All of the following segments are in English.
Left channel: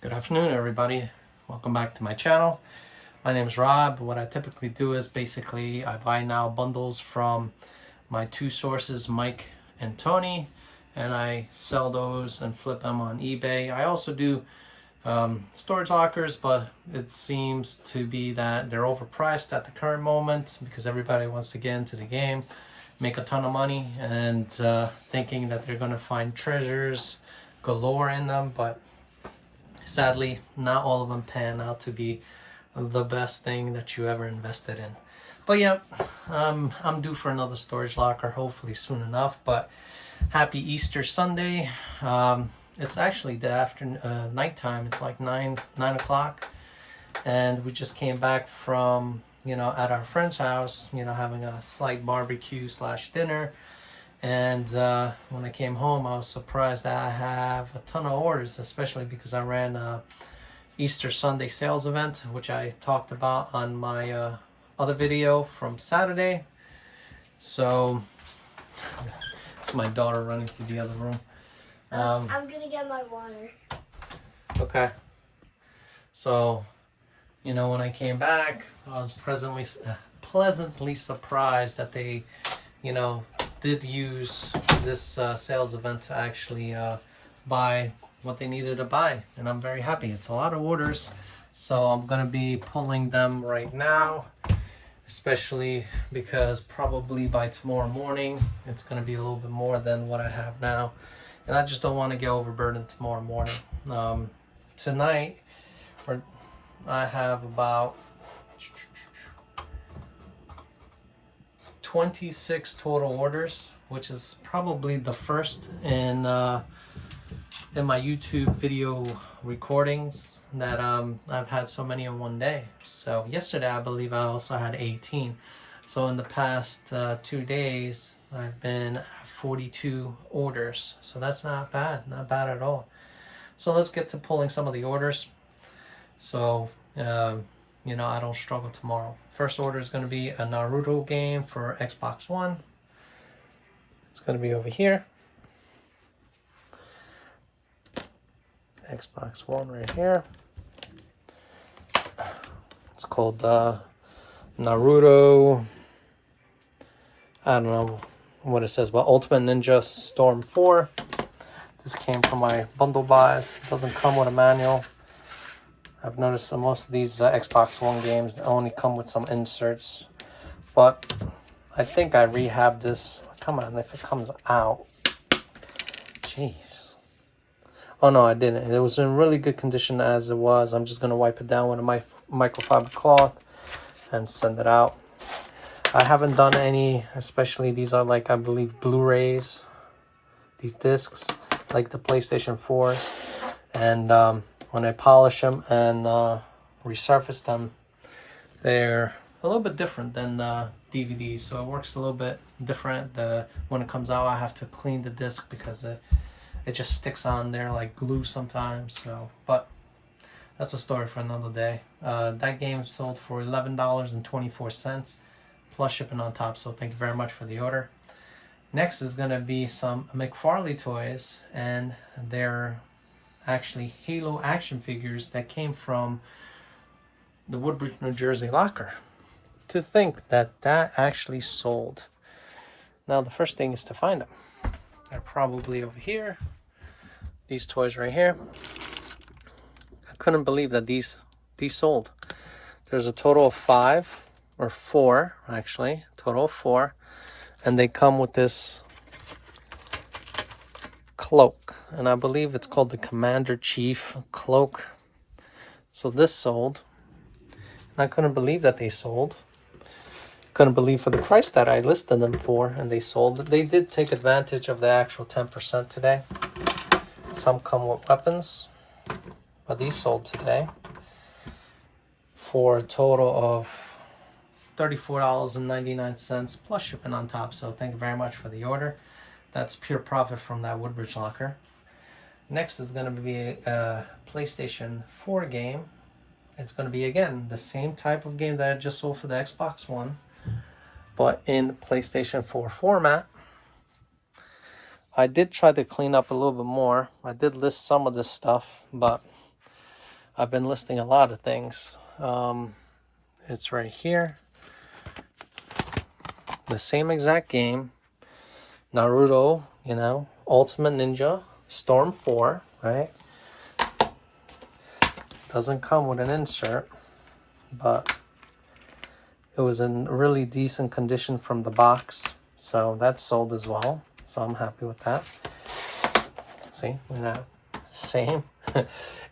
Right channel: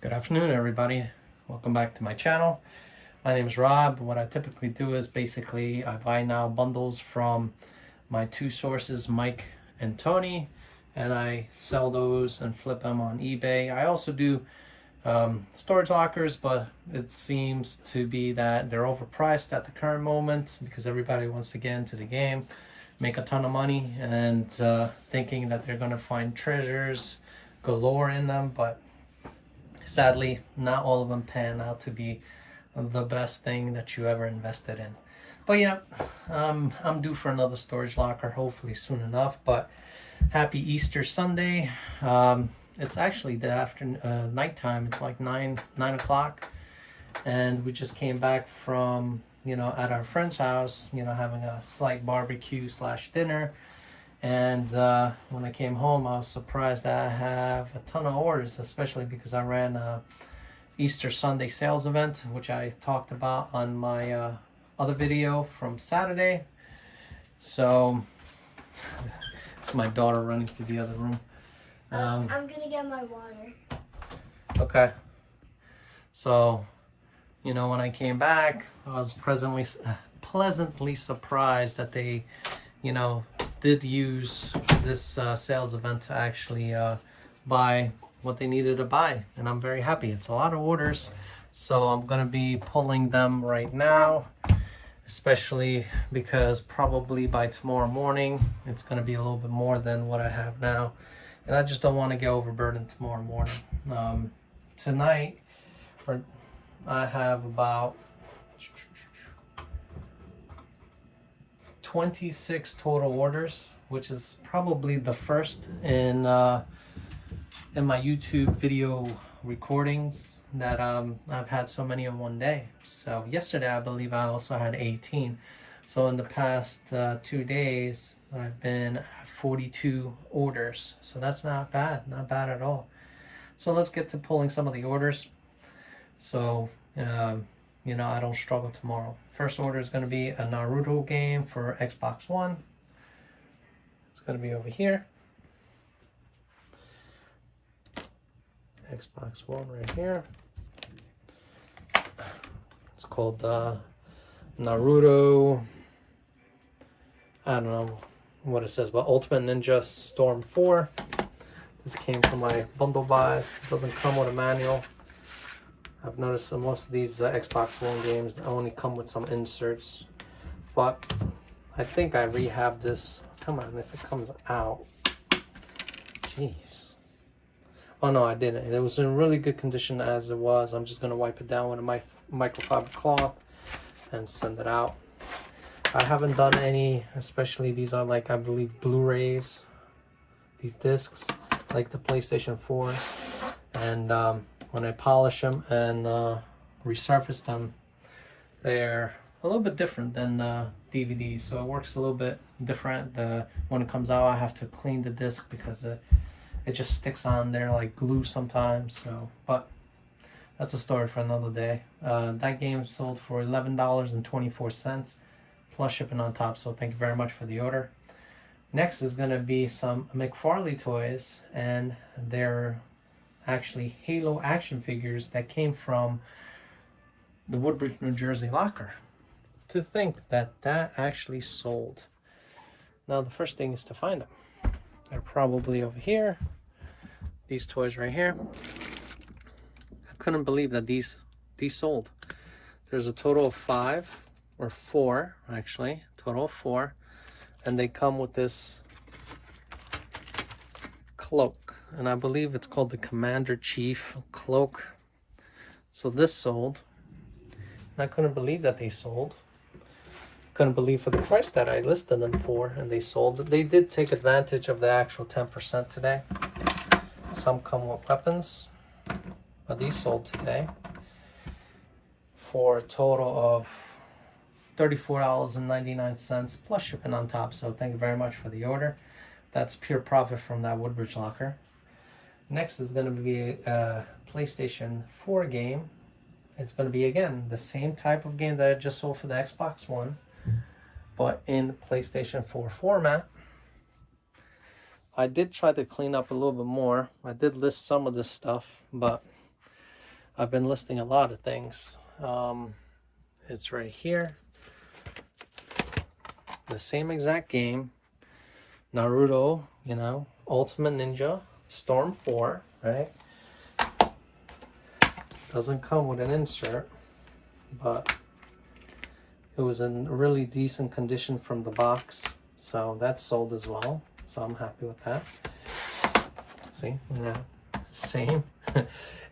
Good afternoon, everybody. Welcome back to my channel. My name is Rob. What I typically do is basically I buy now bundles from my two sources, Mike and Tony, and I sell those and flip them on eBay. I also do storage lockers, but it seems to be that they're overpriced at the current moment because everybody wants to get into the game, make a ton of money, and thinking that they're going to find treasures galore in them, but sadly, not all of them pan out to be the best thing that you ever invested in. But yeah, I'm due for another storage locker, hopefully soon enough. But happy Easter Sunday. It's actually the nighttime. It's like 9 o'clock, and we just came back from at our friend's house, having a slight barbecue slash dinner. And when I came home, I was surprised that I have a ton of orders, especially because I ran a Easter Sunday sales event, which I talked about on my other video from Saturday. So it's my daughter running to the other room. I'm gonna get my water. Okay. So, when I came back, I was pleasantly surprised that they, did use this sales event to actually buy what they needed to buy, and I'm very happy. It's a lot of orders, so I'm gonna be pulling them right now, especially because probably by tomorrow morning it's gonna be a little bit more than what I have now, and I just don't want to get overburdened tomorrow morning. Tonight I have about 26 total orders, which is probably the first in my YouTube video recordings that I've had so many in one day. So yesterday I believe I also had 18. So in the past 2 days I've been at 42 orders. So that's not bad at all. So let's get to pulling some of the orders, so I don't struggle tomorrow. First order is going to be a Naruto game for Xbox One. It's going to be over here. Xbox One right here. It's called Naruto. I don't know what it says, but Ultimate Ninja Storm 4. This came from my bundle buys. It doesn't come with a manual. I've noticed that most of these Xbox One games only come with some inserts, but I think I rehabbed this. Come on, if it comes out. Jeez. Oh no, I didn't. It was in really good condition as it was. I'm just going to wipe it down with a microfiber cloth and send it out. I haven't done any, especially these are like, I believe, Blu-rays. These discs, like the PlayStation 4s. And when I polish them and resurface them, they're a little bit different than DVDs, so it works a little bit different. When it comes out, I have to clean the disc because it just sticks on there like glue sometimes. So, but that's a story for another day. That game sold for $11.24 plus shipping on top, so thank you very much for the order. Next is going to be some McFarlane Toys, and they're actually Halo action figures that came from the Woodbridge, New Jersey locker. To think that actually sold. Now the first thing is to find them. They're probably over here. These toys right here. I couldn't believe that these sold. There's a total of 5 or 4 actually, total of 4, and they come with this cloak, and I believe it's called the Commander Chief cloak. So this sold, and I couldn't believe that they sold. Couldn't believe for the price that I listed them for, and they sold. They did take advantage of the actual 10% today. Some come with weapons, but these sold today for a total of $34.99 plus shipping on top. So thank you very much for the order. That's pure profit from that Woodbridge locker. Next is going to be a PlayStation 4 game. It's going to be, again, the same type of game that I just sold for the Xbox One, but in PlayStation 4 format. I did try to clean up a little bit more. I did list some of this stuff, but I've been listing a lot of things. It's right here. The same exact game. Naruto, you know, Ultimate Ninja, Storm 4, right? Doesn't come with an insert, but it was in really decent condition from the box. So that's sold as well. So I'm happy with that. See, we're not the same.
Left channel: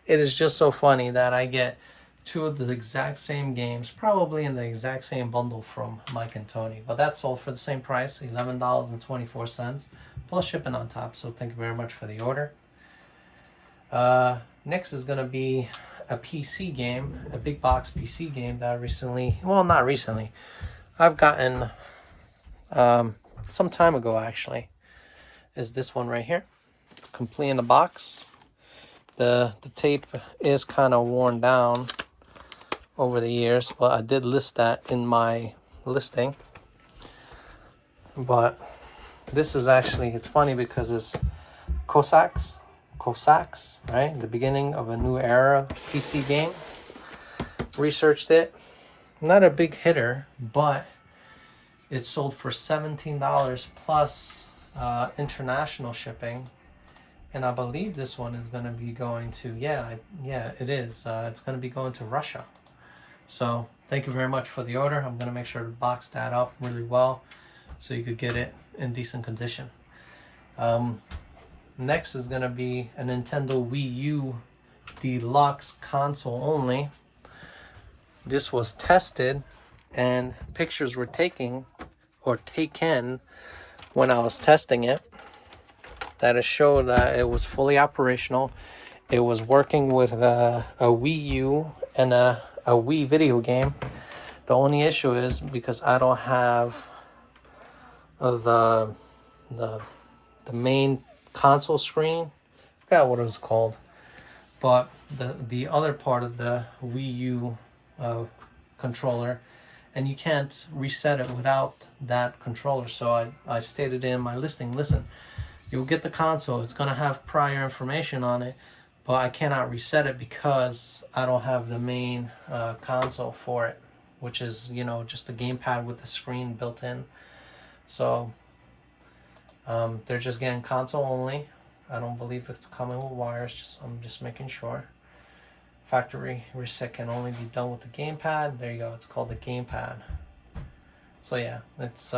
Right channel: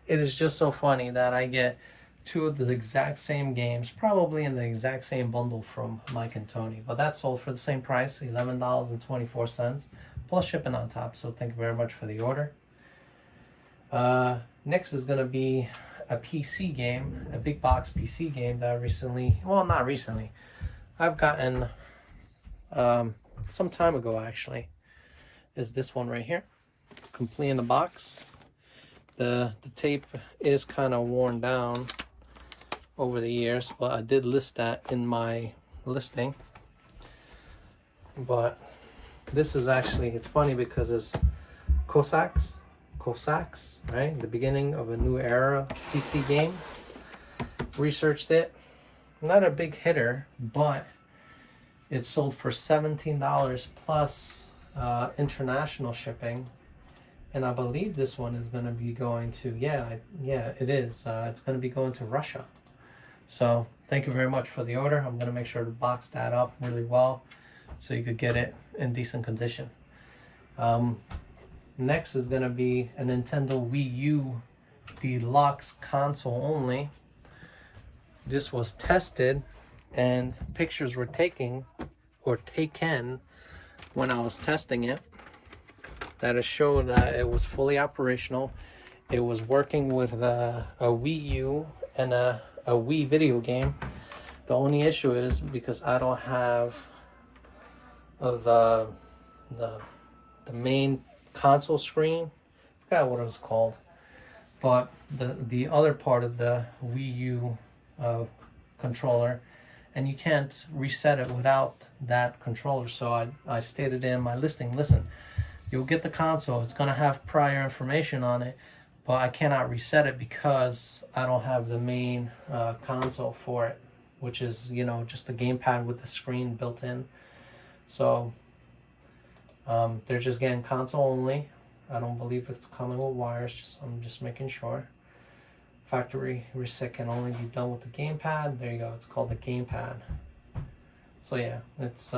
It is just so funny that I get two of the exact same games, probably in the exact same bundle from Mike and Tony. But that's sold for the same price, $11.24, plus shipping on top. So thank you very much for the order. Next is going to be a PC game, a big box PC game that I recently, well, not recently, I've gotten some time ago actually, is this one right here. It's complete in the box. The tape is kind of worn down over the years, but I did list that in my listing. But this is actually, it's funny because it's Cossacks, right? The beginning of a new era PC game. Researched it. Not a big hitter, but it sold for $17 plus international shipping. And I believe this one is going to be going to, yeah, it is. It's going to be going to Russia. So thank you very much for the order. I'm going to make sure to box that up really well so you could get it in decent condition. Next is going to be a Nintendo Wii U Deluxe console only. This was tested and pictures were taken when I was testing it. That showed that it was fully operational. It was working with a Wii U and a Wii video game. The only issue is because I don't have the main console screen. I forgot what it was called, but the other part of the Wii U controller, and you can't reset it without that controller. So I stated in my listing, listen, you'll get the console, it's going to have prior information on it, but I cannot reset it because I don't have the main console for it, which is, you know, just the gamepad with the screen built in. So they're just getting console only. I don't believe it's coming with wires. I'm just making sure. Factory reset can only be done with the gamepad. There you go. It's called the gamepad. So yeah, it's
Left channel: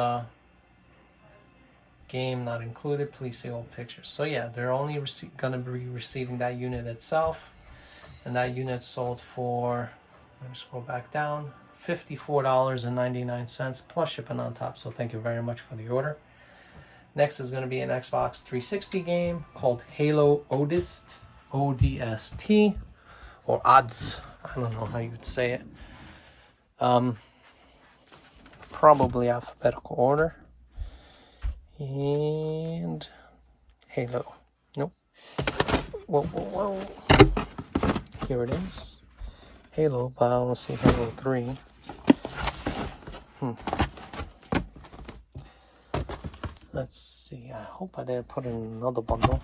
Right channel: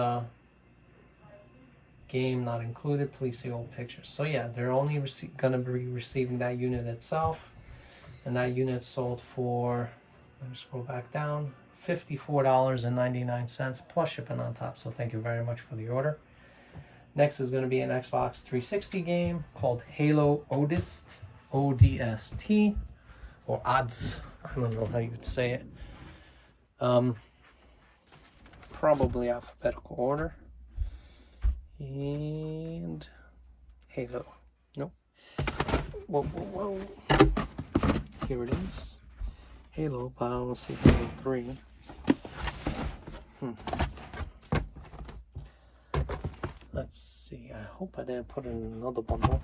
game not included. Please see all pictures. So yeah, they're only going to be receiving that unit itself, and that unit sold for, let me scroll back down, $54.99 plus shipping on top. So thank you very much for the order. Next is going to be an Xbox 360 game called YuGiOh Duelist, ODST, or odds. I don't know how you would say it. Probably alphabetical order. And Halo. Nope. Whoa. Here it is. Halo, but I want to see Halo 3. Let's see. I hope I didn't put in another bundle.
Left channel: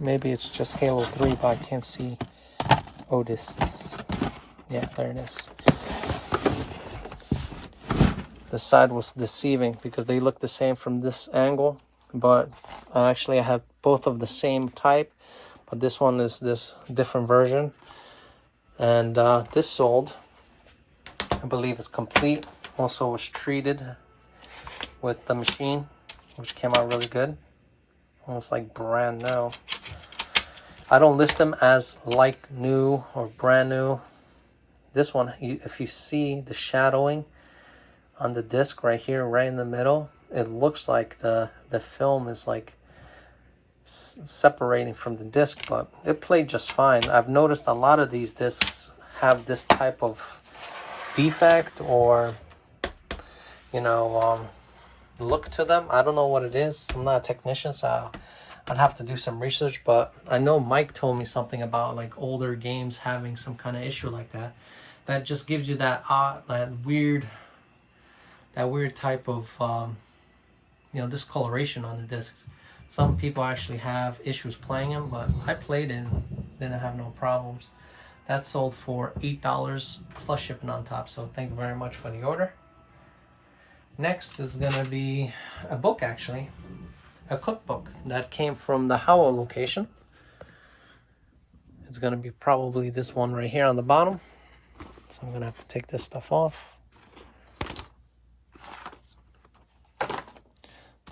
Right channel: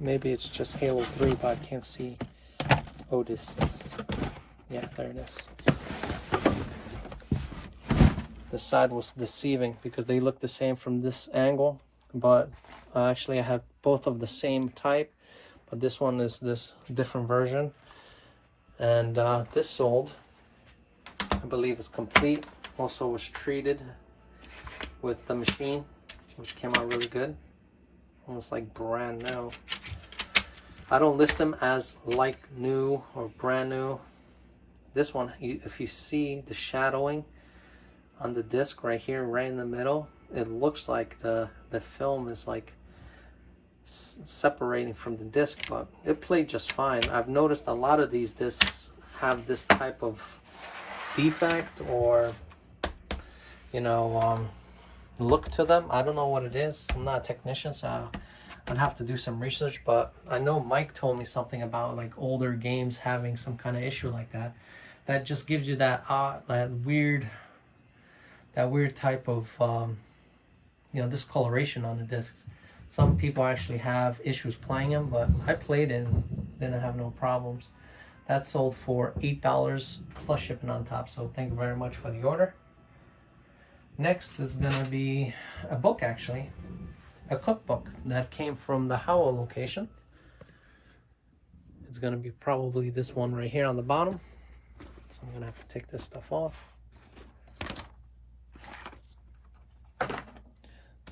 Maybe it's just Halo 3, but I can't see Odists. Yeah, there it is. The side was deceiving because they look the same from this angle, but actually I have both of the same type, but this one is this different version. And this sold, I believe it's complete. Also was treated with the machine, which came out really good. Almost like brand new. I don't list them as like new or brand new. This one, if you see the shadowing on the disc right here, right in the middle, it looks like the film is like separating from the disc, but it played just fine. I've noticed a lot of these discs have this type of defect or, you know, look to them. I don't know what it is. I'm not a technician, so I'd have to do some research, but I know Mike told me something about like older games having some kind of issue like that. That just gives you that weird that weird type of you know, discoloration on the discs. Some people actually have issues playing them, but I played it and didn't have no problems. That sold for $8 plus shipping on top, so thank you very much for the order. Next is gonna be a book, actually, a cookbook that came from the Howell location. It's gonna be probably this one right here on the bottom. So I'm gonna have to take this stuff off.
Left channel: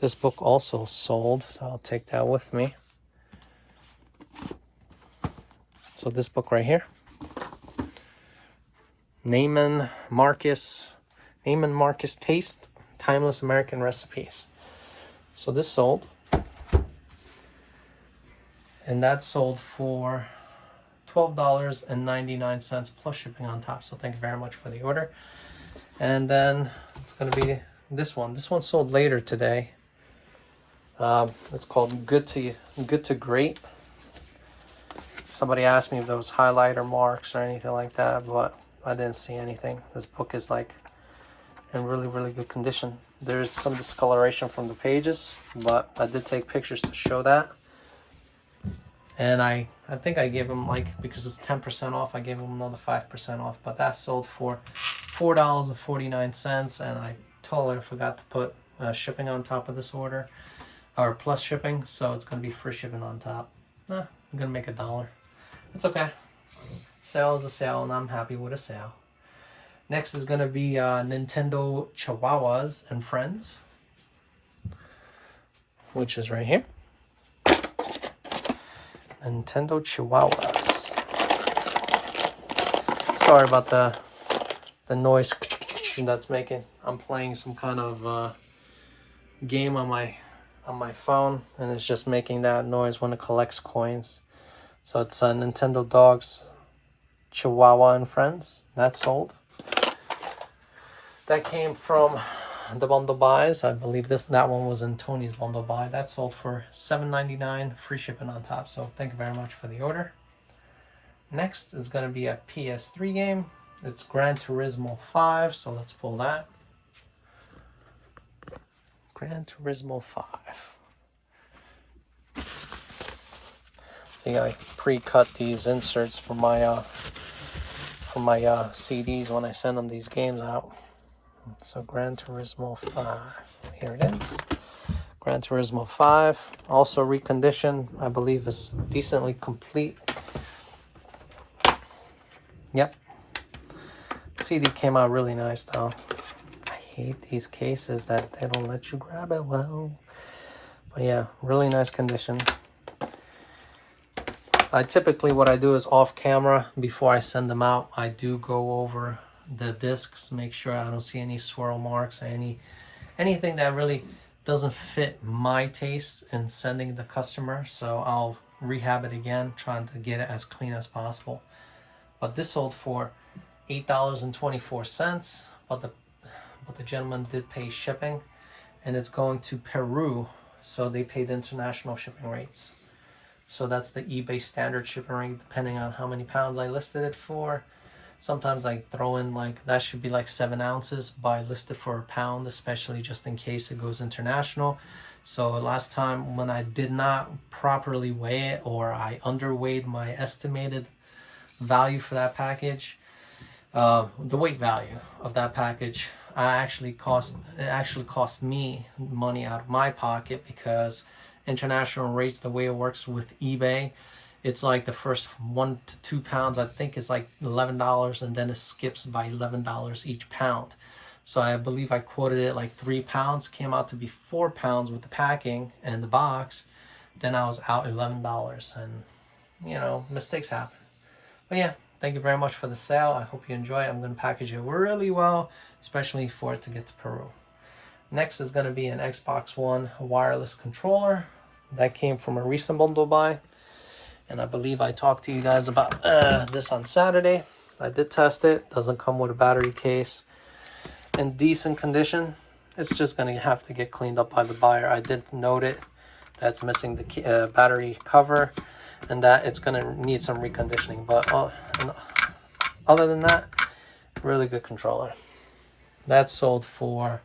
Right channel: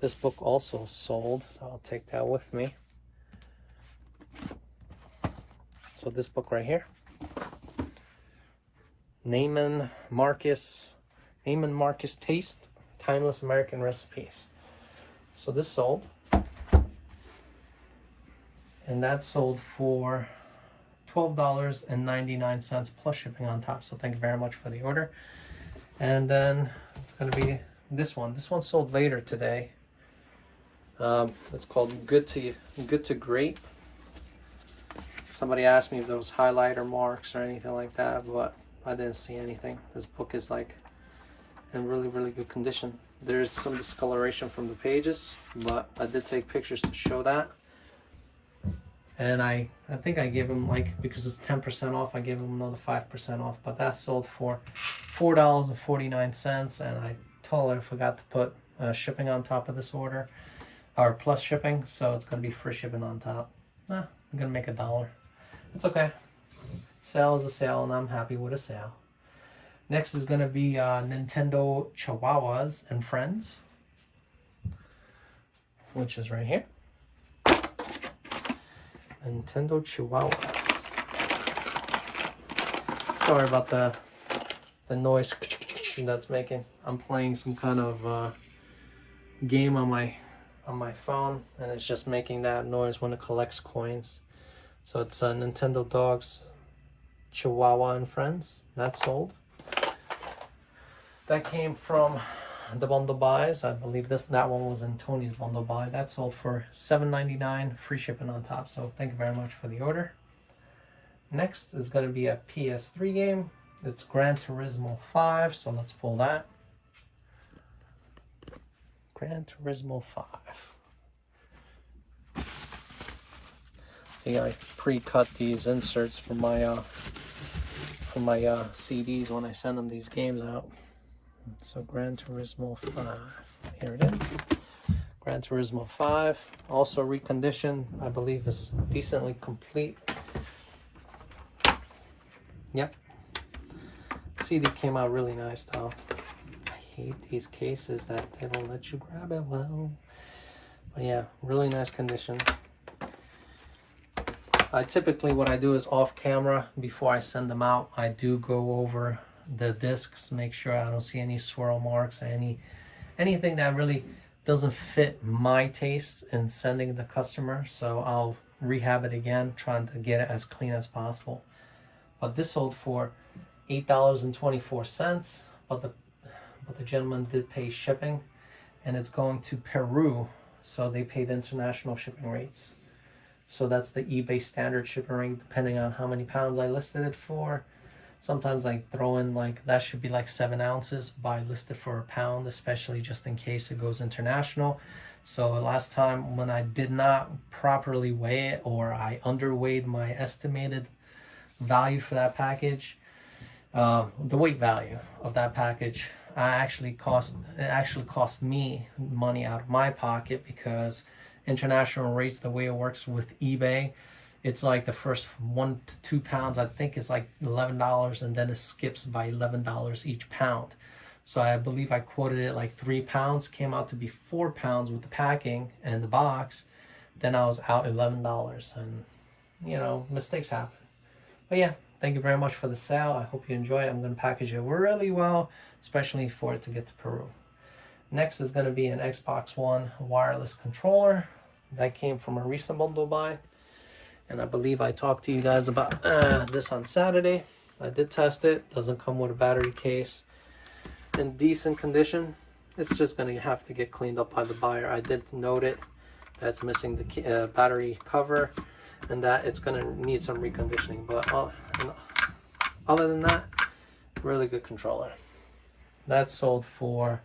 This book also sold, so I'll take that with me. So this book right here, Neiman Marcus Taste, Timeless American Recipes. So this sold, and that sold for $12.99 plus shipping on top. So thank you very much for the order. And then it's gonna be this one. This one sold later today. It's called Good to Great. Somebody asked me if there was highlighter marks or anything like that, but I didn't see anything. This book is like in really good condition. There's some discoloration from the pages, but I did take pictures to show that. And I think I gave them, like, because it's 10% off, I gave them another 5% off. But that sold for $4.49, and I totally forgot to put shipping on top of this order, or plus shipping, so it's going to be free shipping on top. I'm going to make $1. It's okay. Sale is a sale, and I'm happy with a sale. Next is going to be Nintendo Chihuahuas and Friends, which is right here. Nintendo Chihuahuas. Sorry about the noise that's making. I'm playing some kind of game on my phone, and it's just making that noise when it collects coins. So it's Nintendo Dogs Chihuahua and Friends. That sold. That came from the bundle buys. I believe that one was in Tony's bundle buy. That sold for $7.99, free shipping on top. So thank you very much for the order. Next is going to be a PS3 game. It's Gran Turismo 5. So let's pull that. Gran Turismo 5. I think I pre-cut these inserts for my CDs when I send them these games out. So Gran Turismo 5, here it is. Gran Turismo 5, also reconditioned. I believe it's decently complete. Yep. CD came out really nice though. I hate these cases that they don't let you grab it well. But yeah, really nice condition. What I do is off camera, before I send them out, I do go over the discs, make sure I don't see any swirl marks, anything that really doesn't fit my taste in sending the customer. So I'll rehab it again, trying to get it as clean as possible. But this sold for $8.24, but the gentleman did pay shipping, and it's going to Peru, so they paid international shipping rates. So that's the eBay standard shipping rate, depending on how many pounds I listed it for. Sometimes I throw in, like, that should be like 7 ounces, but I list it for a pound, especially just in case it goes international. So last time when I did not properly weigh it, or I underweighed my estimated value for that package, the weight value of that package, it actually cost me money out of my pocket, because international rates, the way it works with eBay, it's like the first 1 to 2 pounds, I think, is like $11, and then it skips by $11 each pound. So I believe I quoted it like 3 pounds, came out to be 4 pounds with the packing and the box. Then I was out $11, and you know, mistakes happen. But yeah, thank you very much for the sale. I hope you enjoy it. I'm going to package it really well, especially for it to get to Peru. Next is going to be an Xbox One wireless controller. That came from a recent bundle buy. And I believe I talked to you guys about this on Saturday. I did test it. Doesn't come with a battery case. In decent condition. It's just going to have to get cleaned up by the buyer. I did note it. That's missing the battery cover. And that it's going to need some reconditioning. But other than that, really good controller. That sold for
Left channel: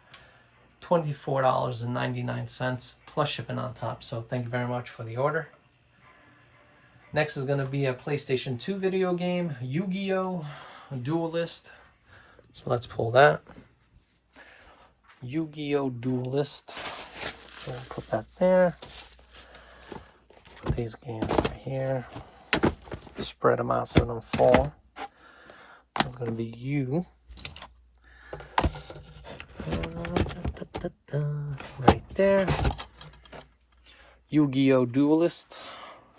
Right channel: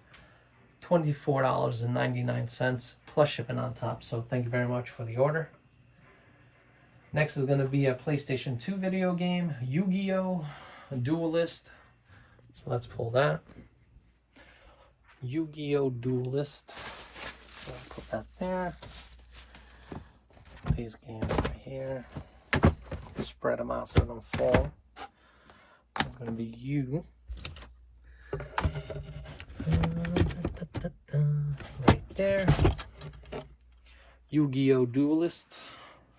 $24.99 plus shipping on top. So thank you very much for the order. Next is going to be a PlayStation 2 video game, YuGiOh Duelist. So let's pull that. YuGiOh Duelist. So we'll put that there. Put these games over here. Spread them out so they don't fall. So it's going to be U. Right there. YuGiOh Duelist.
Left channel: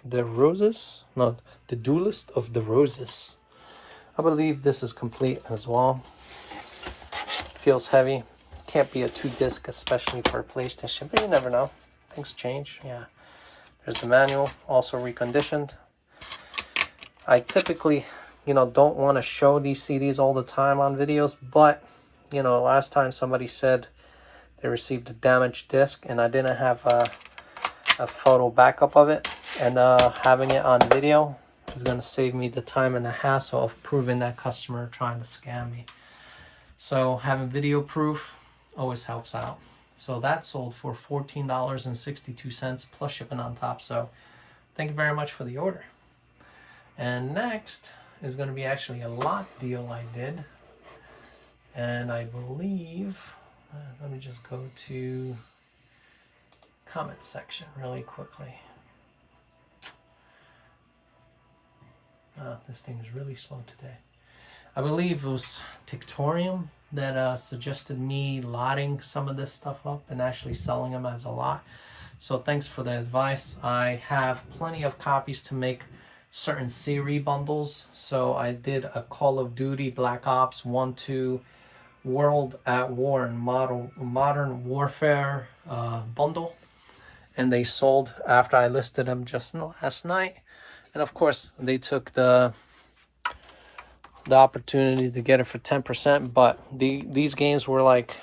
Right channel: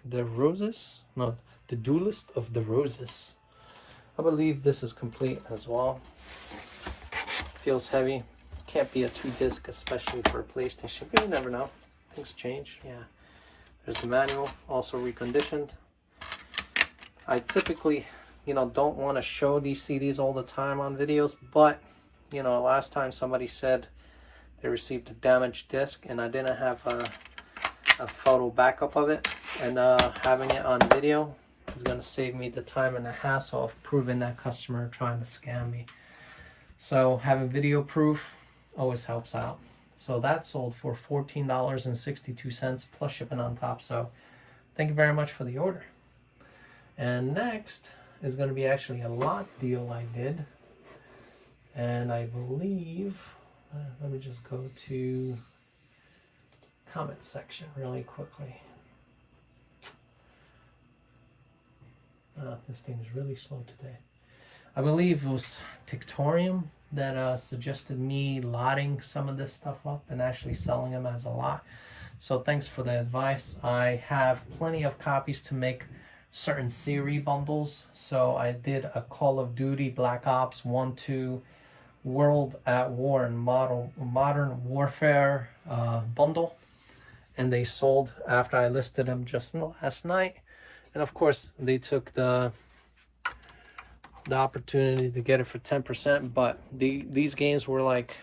The Roses? No, the Duelist of the Roses. I believe this is complete as well. Feels heavy. Can't be a 2-disc, especially for a PlayStation, but you never know. Things change. Yeah. There's the manual, also reconditioned. I typically, don't want to show these CDs all the time on videos, but, last time somebody said they received a damaged disc, and I didn't have a photo backup of it, and having it on video is going to save me the time and the hassle of proving that customer trying to scam me. So having video proof always helps out. So that sold for $14.62 plus shipping on top. So thank you very much for the order. And next is going to be actually a lot deal I did. And I believe, let me just go to comment section really quickly. This thing is really slow today. I believe it was Tictorium that suggested me lotting some of this stuff up and actually selling them as a lot. So thanks for the advice. I have plenty of copies to make certain series bundles. So I did a Call of Duty Black Ops 1, 2, World at War and Modern Warfare bundle. And they sold after I listed them just last night. And of course, they took the opportunity to get it for 10%, but these games were like,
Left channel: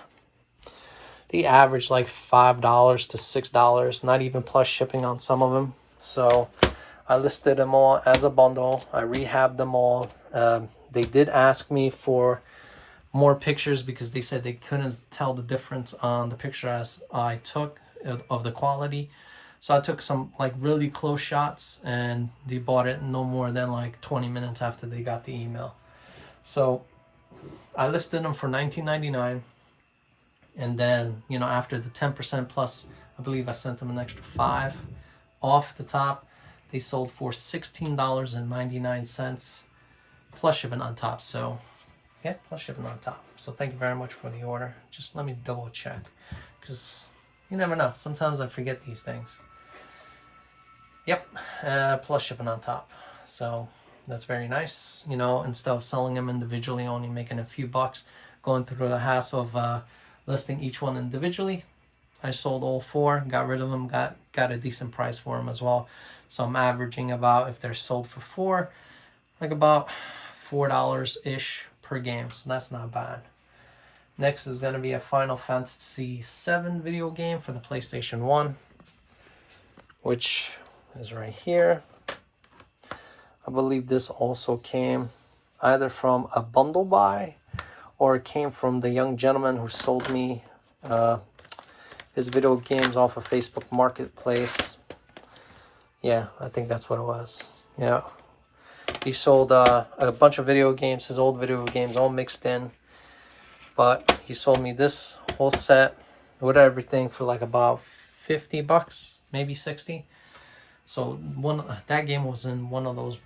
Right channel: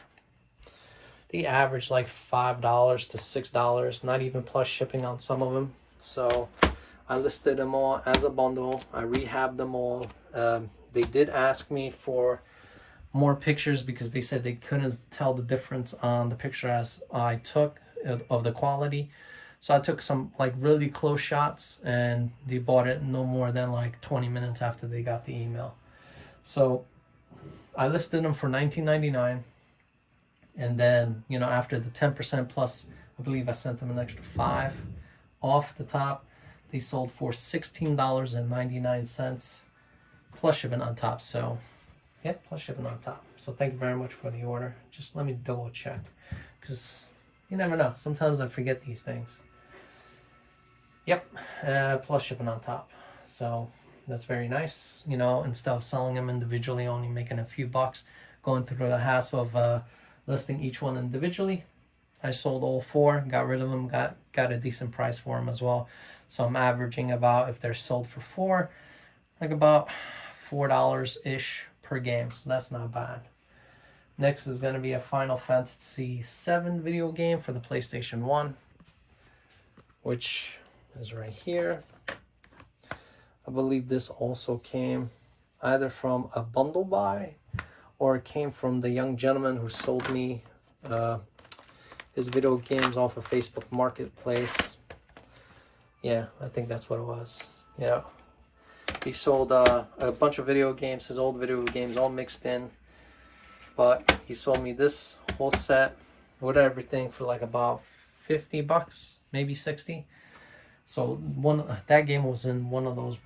they averaged like $5 to $6, not even plus shipping on some of them. So I listed them all as a bundle. I rehabbed them all. They did ask me for more pictures because they said they couldn't tell the difference on the picture as I took of the quality. So I took some like really close shots, and they bought it no more than like 20 minutes after they got the email. So I listed them for $19.99, and then after the 10% plus, I believe I sent them an extra $5 off the top. They sold for $16.99 plus shipping on top. So yeah, plus shipping on top. So thank you very much for the order. Just let me double check, because you never know. Sometimes I forget these things. Yep, plus shipping on top. So that's very nice. Instead of selling them individually, only making a few bucks, going through the hassle of listing each one individually, I sold all 4, got rid of them, got a decent price for them as well. So I'm averaging about, if they're sold for 4, like about $4-ish per game. So that's not bad. Next is going to be a Final Fantasy VII video game for the PlayStation 1, which is right here. I believe this also came either from a bundle buy, or it came from the young gentleman who sold me his video games off of Facebook Marketplace. Yeah, I think that's what it was. Yeah, he sold a bunch of video games, his old video games, all mixed in. But he sold me this whole set with everything for like about $50, maybe 60. So that game was in one of those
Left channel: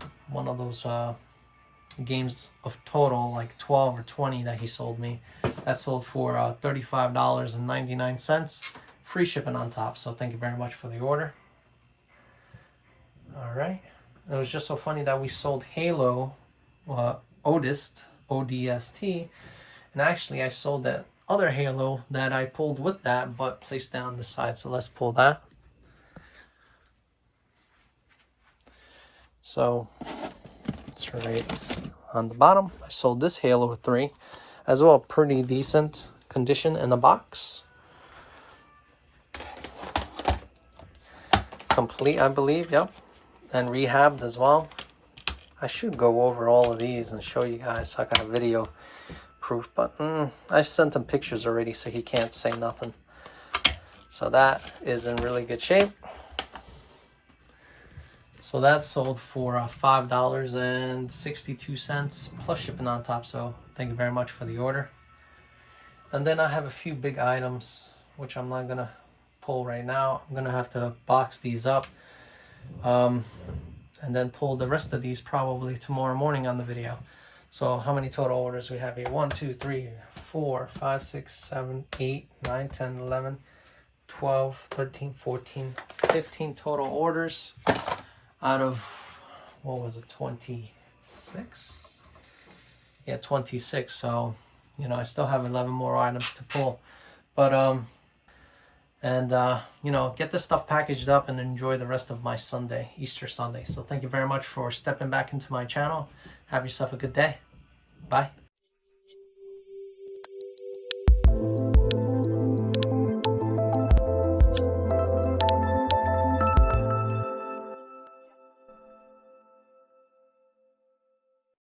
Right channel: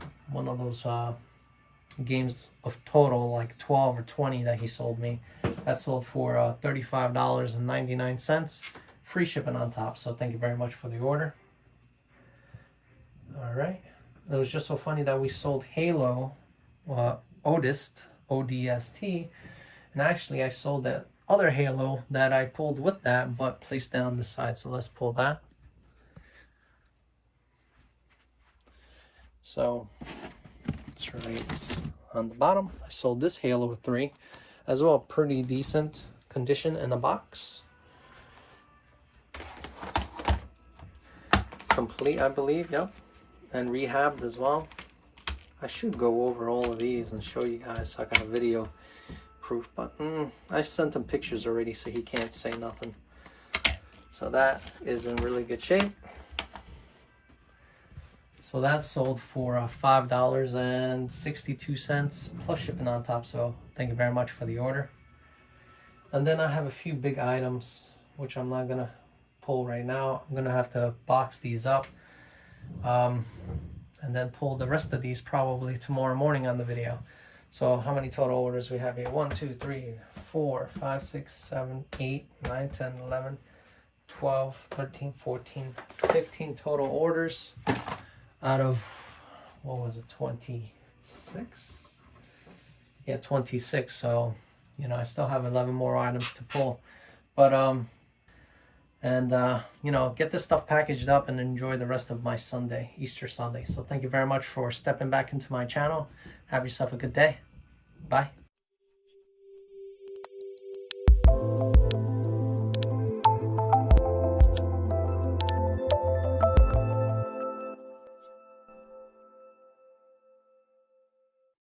games of total like 12 or 20 that he sold me. That sold for $35.99, free shipping on top. So thank you very much for the order. All right, it was just so funny that we sold Halo Odist, ODST, and actually I sold that other Halo that I pulled with that but placed down the side. So let's pull that. So it's right on the bottom. I sold this Halo 3 as well, pretty decent condition in the box. Complete, I believe, yep. And rehabbed as well. I should go over all of these and show you guys. So I got a video proof, but I sent him pictures already, so he can't say nothing. So that is in really good shape. So that sold for $5.62 plus shipping on top. So thank you very much for the order. And then I have a few big items, which I'm not gonna pull right now. I'm gonna have to box these up, and then pull the rest of these probably tomorrow morning on the video. So how many total orders we have here? 1, 2, 3, 4, 5, 6, 7, 8, 9, 10, 11, 12, 13, 14, 15 total orders out of, what was it, 26? Yeah, 26. So, you know, I still have 11 more items to pull. But, you know, get this stuff packaged up and enjoy the rest of my Sunday, Easter Sunday. So thank you very much for stepping back into my channel. Have yourself a good day. Bye.